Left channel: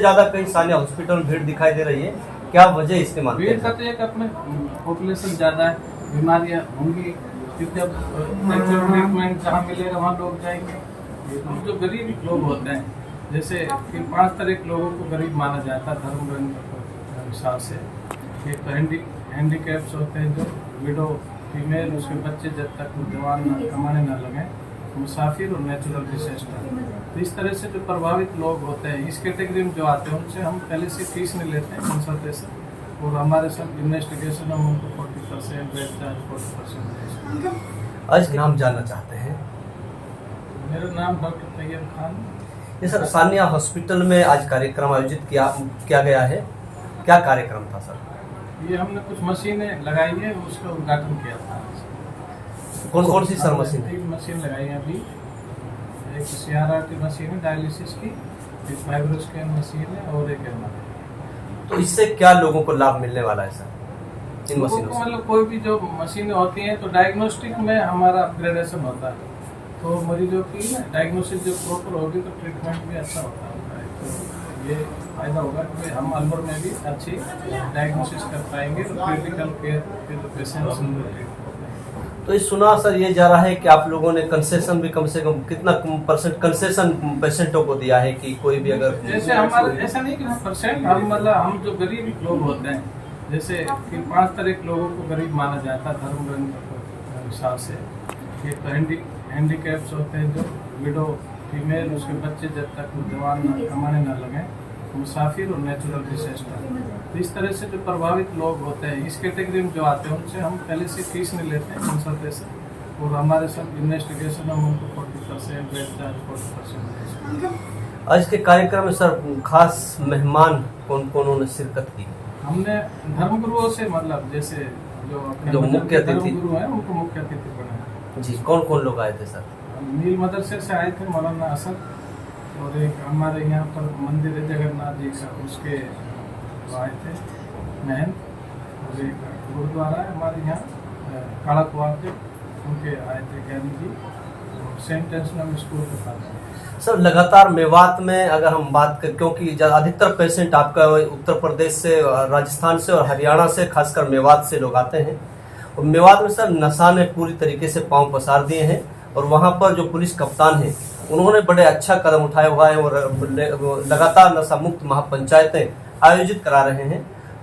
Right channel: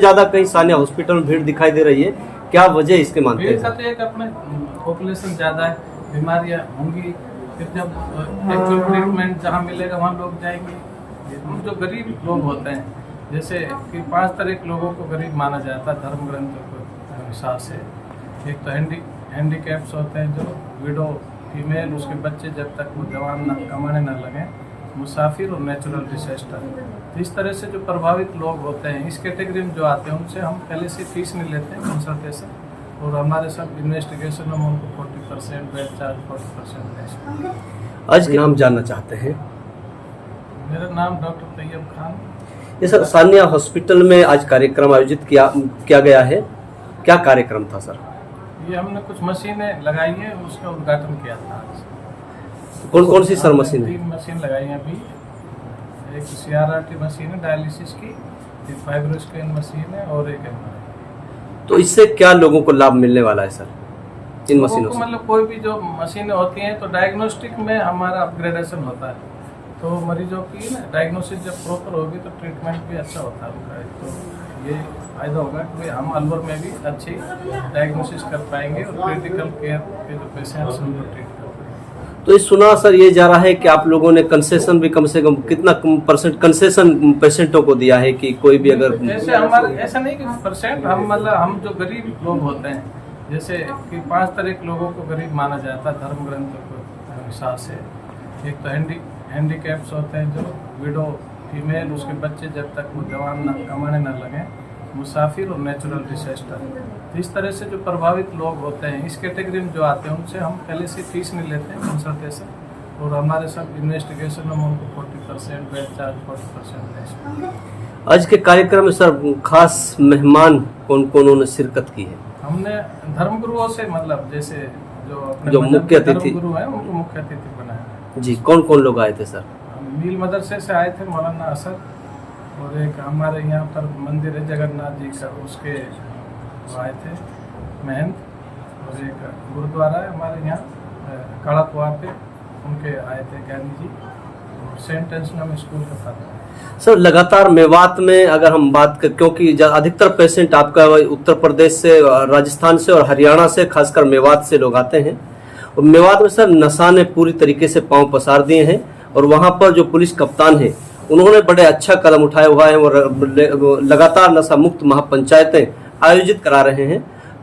ज्यादा कहीं सानिया हॉस्पिटल में भीड़ दिखाई दे रही है, क्या वजह इसके मानते भीड़ हैं? का तो एक अपने पॉपुलेशन ज्यादा है, बीमारियां होंगी, फिर जब एक्चुअल ट्रीटमेंट जहाँ मिलेगा वहाँ लोग जाएंगे। जो गरीब लोग होते हैं, जैसे कि 5 तरह के लोगों को गरीब माना जाता है धर्म ग्रंथों के हिसाब से। एक तो हैंडीकैप्स होते हैं, जो विडो फीमेल, उसके बच्चे जब तक वो जवान न कमाने न लगे, मुसाफिर और नेचुरल डिसेस्टर। तो इस तरह से जो प्रभावित लोग होते हैं, इस कैटेगरी में जो आते हैं, उनसे हम पहले से फीस नहीं लेते हैं कंसल्टेशन, और हमारे साथ इन्वेस्टिगेशन में उनको 40% बेड चार्ज 40% आज नाम जानना चाहते हैं? मेरा नाम डॉक्टर तैयब खान। ये सर सानिया हॉस्पिटल में आज कार्यक्रम आयोजित किया गया है, क्या कार्यक्रम था सर? ये हमने कुछ मशीनें लगाई हैं, उसका उद्घाटन किया था आज। कौन कौन सी सर मशीन है? 3 मशीन लगाई हैं अभी। एक CRRT मशीन है डायलिसिस की, एक फाइब्रोस्कैन मशीन है और एक MRI। तो इससे क्या लोगों को लाभ मिलने वाला है सर इन लोगों मशीनों को से? मतलब कोई भी जो मशीनें होती हैं तो डायग्नोस्टिक में हमारा अपग्रेडेशन होता है, तो मरीजों की ना डायग्नोसिस जब प्रॉपर होगी तो ट्रीटमेंट भी अच्छा होता है उनका। तो ये फायदा होगा कि हम अलवर में भी अच्छी डायग्नोसिस कर पाएंगे और क्रिटिकल केयर के जो पेशेंट्स उनको ट्रीट कर पाएंगे। तो ये सुना सर ये जा रहा है कि आप लोगों ने कंसेशन भी कम से कम कितना % कंसेशन पेशेंटों को दिया है कि कोई भी अगर ऐसे हमारे ऐसा नहीं कि % हम मतलब हम जो गरीब लोग होते हैं, जैसे कि 5 तरह के लोगों को गरीब माना जाता है धर्म ग्रंथों के हिसाब से। एक तो हैंडीकैप्स होते हैं, जो विडो फीमेल, उसके बच्चे जब तक वो जवान न कमाने न लगे, मुसाफिर और नेचुरल डिसेस्टर। तो इस तरह से जो प्रभावित लोग होते हैं, इस कैटेगरी में जो आते हैं, उनसे हम पहले से फीस नहीं लेते हैं कंसल्टेशन, और हमारे साथ इन्वेस्टिगेशन में उनको 40% बेड चार्ज 40% आज के कार्यक्रम में सर खास मेहमान कौन कौन उन्होंने शिरकत की है? हमने धर्मगुरुओं से, मतलब जैसे जो अपने जो मजहब मुख्य के अतिथि धर्मगुरु हैं, उनको मुख्य अतिथि बनाया। जी, कौन कौन लोग आए थे सर? मील मदरसे से आए थे मौलाना असद, और एक हमारे यहाँ पर मंदिर है जगन्नाथ जी का, उसके वो आए थे महंत, और एक गुरुद्वारा है हमारे यहाँ काला कुआ पे, उनके आए थे ज्ञानी जी, और सेंट एंसना में स्कूल का था। सर लगातार मेवात में अगर हम बात कर, क्योंकि अधिकतर पेशेंट आपका उत्तर प्रदेश से, राजस्थान से और हरियाणा से, खासकर मेवात से लोग आते हैं, और मेवात में सर नशा ने पूरी तरीके से पांव पसार दिए हैं, और वहां पर जो पुलिस कप्तान है उन्होंने बड़े अच्छा कदम उठाया हुआ है और लगातार नशा मुक्त महापंचायतें आयोजित करा रहे हैं।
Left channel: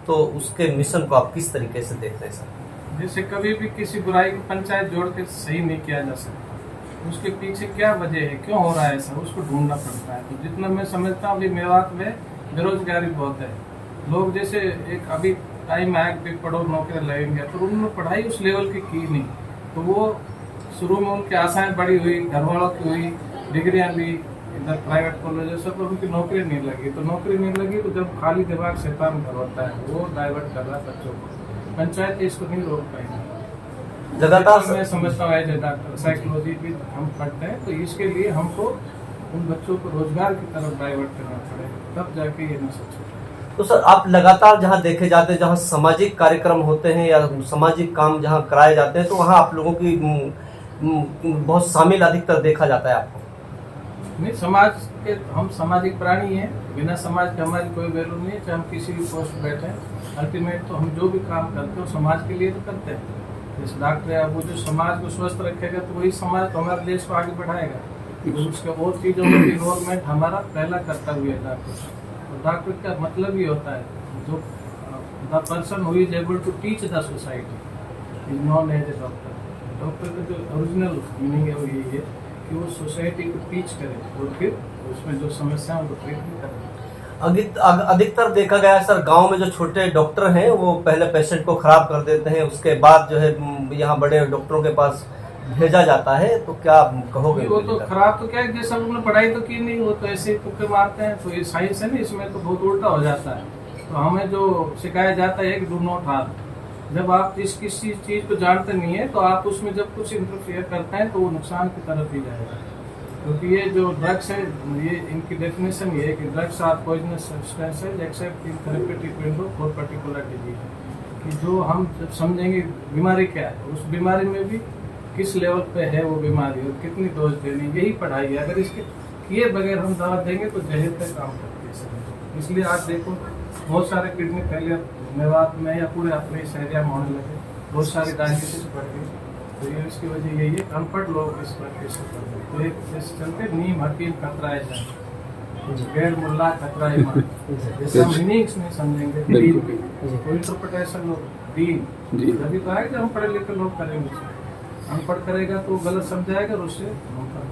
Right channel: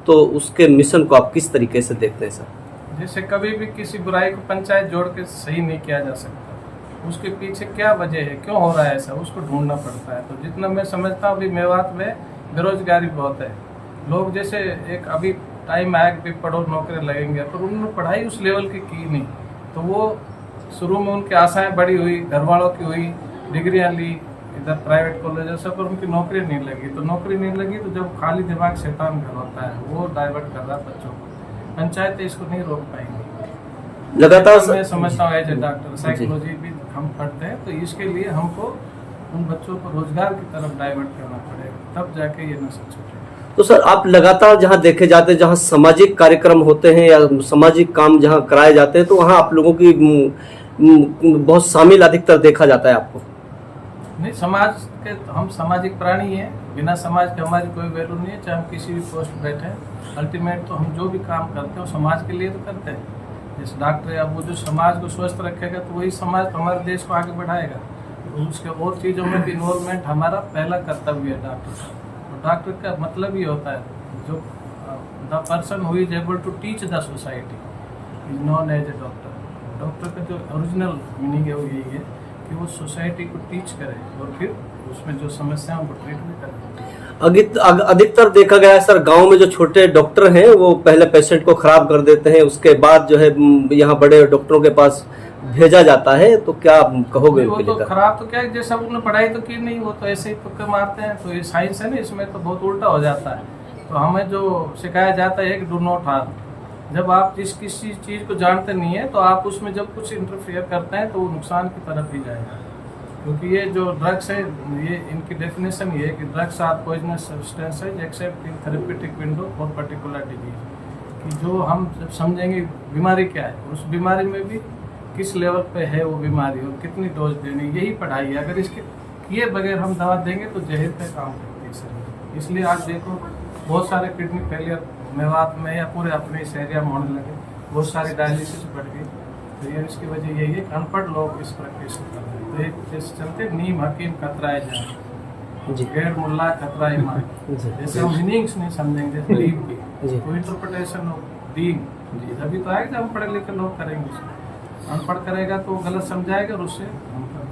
तो उसके मिशन को आप किस तरीके से देखते हैं सर? जैसे कभी भी किसी बुराई को पंचायत जोड़ के सही नहीं किया जा सकता, उसके पीछे क्या वजह है, क्यों हो रहा है ऐसा, उसको ढूंढना पड़ता है। तो जितना मैं समझता हूँ अभी मेवात में बेरोजगारी बहुत है। लोग जैसे एक अभी टाइम आया कि पढ़ो नौकरी लगेंगे, पर उन्होंने पढ़ाई उस लेवल की नहीं, तो वो शुरू में उनकी आशाएं बड़ी हुई, घर वालों की हुई, डिग्रियां ली इधर प्राइवेट कॉलेजों से, पर उनकी नौकरी नहीं लगी। तो नौकरी नहीं लगी तो जब खाली दिमाग शैतान घर होता है, वो डाइवर्ट कर रहा है बच्चों को। पंचायत इसको नहीं रोक पाएंगी। लगातार मैं समझता हूँ एज ए डॉक्टर साइकोलॉजी भी हम पढ़ते हैं, तो इसके लिए हमको उन बच्चों को रोजगार की तरफ डाइवर्ट करना पड़ेगा, तब जाके ये नशा छूटेगा। तो सर आप लगातार जहां देखे जाते हैं, जहां सामाजिक कार्यक्रम होते हैं या सामाजिक काम जहां कराए जाते हैं, तो वहां आप लोगों की बहुत शामिल अधिकतर देखा जाता है आपको? नहीं, समाज के हम सामाजिक प्राणी हैं, बिना समाज के हमारी कोई वैल्यू नहीं है, चाहे हम किसी भी पोस्ट पे बैठे हैं। अल्टीमेट तो हम जो भी काम करते हैं समाज के लिए तो करते हैं। जैसे डॉक्टर है, अब वो जो समाज को स्वस्थ रखेगा तो वही समाज तो हमारे देश को आगे बढ़ाएगा। तो उसके और चीज़ों में भी इन्वॉल्वमेंट हमारा पहला कर्तव्य है डॉक्टर का। तो डॉक्टर का मतलब ये होता है, जो the person who is able to teach the society is known as a doctor. Doctor का जो ओरिजिनल मीनिंग है वो यही है कि वो सोसाइटी को टीच करे और फिर उसमें जो समस्या उनको ट्रीट भी करे। अधिकतर देखा गया है सर, गांव में जो छोटे डॉक्टर हैं वो पहले पेशेंट को खराब कर देते हैं, उसके बाद जो है यहाँ बड़े डॉक्टरों के पास भेजा जाता है। तो क्या आप कहोगे? वो तो खराब तो क्या है, जैसा उन्होंने पढ़ाई तो की नहीं, वो तो ऐसे ही तुक्के मारते हैं। तो ये साइंस है ना, इसमें तो बहुत उल्टा हो जाता है। तो हमें जो सिखाया जाता है कि डू नॉट हार्म, जब आप किसी चीज़ को जानते नहीं है तो आप उसमें जब कुछ इंटरफेयर करते हैं तो वो नुकसान की तरफ ही जाएगा। क्योंकि ये जो ड्रग्स है, ये इनकी डेफिनेशन ये है कि drugs are poisonous substances except in therapeutic window for particular disease. कि जो हम जब समझेंगे बीमारी क्या है, उस बीमारी में भी किस लेवल पे है वो बीमारी और कितनी डोज देनी, यही पढ़ाई है। अगर इसके किए बगैर हम दवा देंगे तो जहर का काम करती है सभी। इसलिए आज देखो बहुत सारे किडनी फेलियर मेवात में या पूरे अपने इस एरिया में होने लगे, बहुत सारी डायलिसिस बढ़ गई। तो ये इसकी वजह यही है, अनपढ़ लोग इस प्रैक्टिस को करते हैं। तो एक इस चलते नीम हकीम खतरा है जान, जी गैर मुल्ला खतरा है ईमान। जैसे हम मीनिंग्स नहीं समझेंगे दीन की, तो इंटरप्रिटेशन ऑफ दीन जब तो आएगा जब हम पढ़े लिखे लोग करेंगे उसे। अनपढ़ करेगा तो गलत समझाएगा और उससे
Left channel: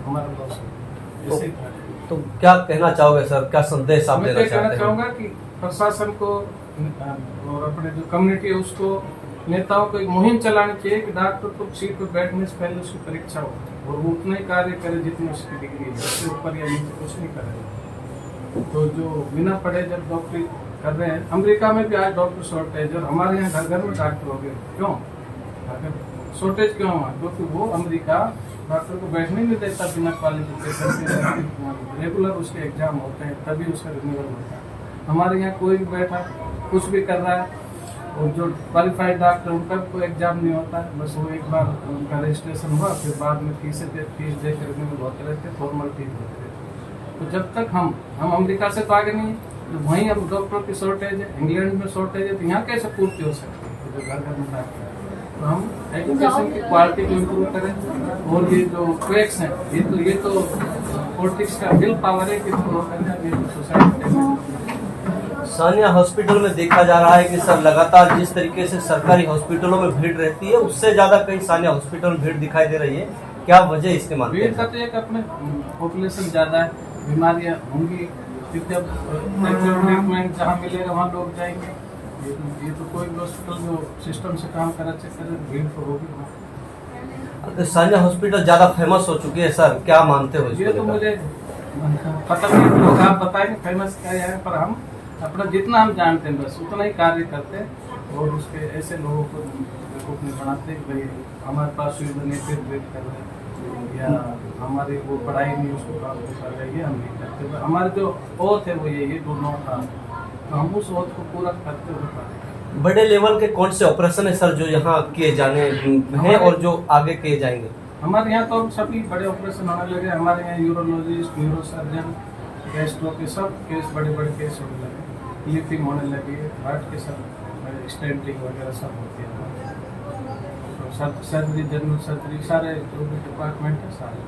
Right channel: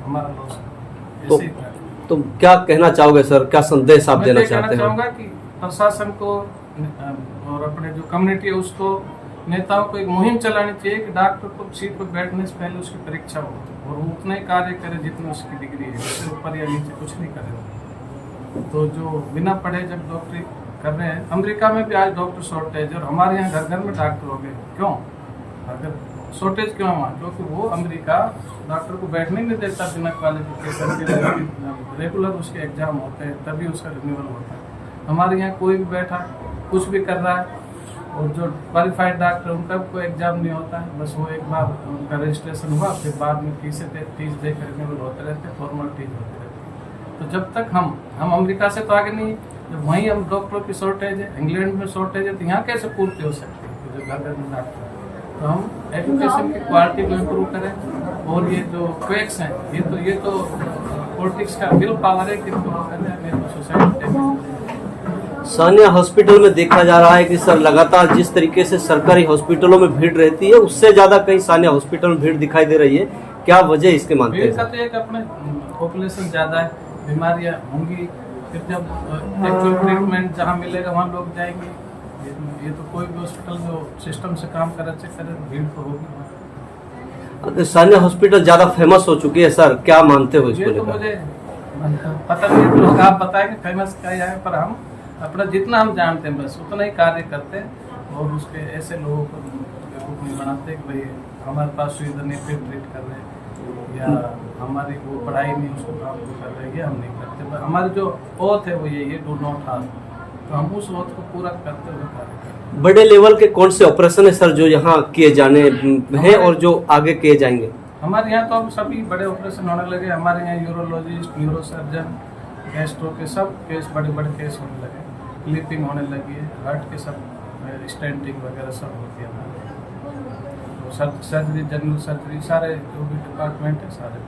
हमारा लॉस तो, ऐसे ही था। तो क्या कहना चाहोगे सर, क्या संदेश आप मैं देना तो कहना चाहते हैं? चाहूंगा कि प्रशासन को और अपने जो कम्युनिटी है उसको, नेताओं को एक मुहिम चलानी चाहिए कि डॉक्टर को सीट पर बैठने से पहले उसकी परीक्षा हो और वो उतना ही कार्य करे जितनी उसकी डिग्री है, उससे ऊपर या नीचे कुछ नहीं करे। तो जो बिना पढ़े जब डॉक्टरी कर रहे हैं, अमेरिका में भी आज डॉक्टर शॉर्टेज, और हमारे यहाँ घर घर में डॉक्टर हो गए। क्यों? अगर शॉर्टेज क्यों हुआ? क्योंकि वो अमेरिका डॉक्टर को बैठने नहीं देता बिना क्वालिफिकेशन के, रेगुलर उसके एग्जाम होते हैं तभी उसका रिन्यूअल होता है। हमारे यहाँ कोई भी बैठा कुछ भी कर रहा है, और जो क्वालिफाइड डॉक्टर उनका कोई एग्जाम नहीं होता है, बस वो एक बार उनका रजिस्ट्रेशन हुआ, फिर बाद में फीस देकर रिन्यूअल होते रहते, फॉर्मेलिटीज होते रहते। तो जब तक हम अमेरिका से तो आगे नहीं, जब वहीं हम डॉक्टरों की शॉर्टेज है, इंग्लैंड में शॉर्टेज है, तो यहाँ कैसे पूर्ति हो सकती है? तो जो घर घर में डॉक्टर, तो हम एजुकेशन की क्वालिटी को इम्प्रूव करें। और ये जो क्वेक्स हैं, ये तो पॉलिटिक्स का विल पावर है कि सोसाइटी। सानिया हॉस्पिटल में देखा जा रहा है कि सर लगातार जिस तरीके से सरकारी हॉस्पिटलों में भीड़ रहती है उससे ज्यादा कहीं सानिया हॉस्पिटल में भीड़ दिखाई दे रही है, क्या वजह इसके मानते भीड़ हैं? का तो एक अपने पॉपुलेशन ज्यादा है, बीमारियां होंगी, फिर जब एक्चुअल ट्रीटमेंट जहाँ मिलेगा वहाँ लोग जाएंगे। ये तो कोई भी हॉस्पिटल जो सिस्टम से काम करे तो भीड़ तो होगी वहाँ। सानिया हॉस्पिटल ज्यादा फेमस हो चुकी है सर, क्या मानते हो इसको ये तो लेकर? मुझे पता नहीं, लोग आप बताएंगे फेमस क्या है, पर हम अपना जितना हम जानते हैं बस उतना ही कार्य करते हैं, और उसके ऐसे लोगों को बेवकूफ नहीं बनाते कि भाई हमारे पास सुविधा नहीं फिर ट्रीट कर रहे हैं, या हमारी वो पढ़ाई नहीं उसको काम को कर रहे हैं, हम नहीं करते। तो हमारे जो ओथ है वो यही है, डू नॉट हार्म, तो हम उस ओथ को पूरा करते हुए कार्य करते हैं। बड़े लेवल के कौन से ऑपरेशन है सर जो यहाँ किए जाने हैं और जो आगे किए जाएंगे? हमारे यहाँ तो अब सभी बड़े ऑपरेशन होने लगे। हमारे यहाँ यूरोलॉजिस्ट, न्यूरोसर्जन, गैस्ट्रो के सब केस, बड़े बड़े केस होने लगे, क्लिपिंग होने लगी है, हार्ट के सब स्टेंटिंग वगैरह सब होती है हमारे। तो सर्जरी, जनरल सर्जरी, सारे जो भी डिपार्टमेंट है सारे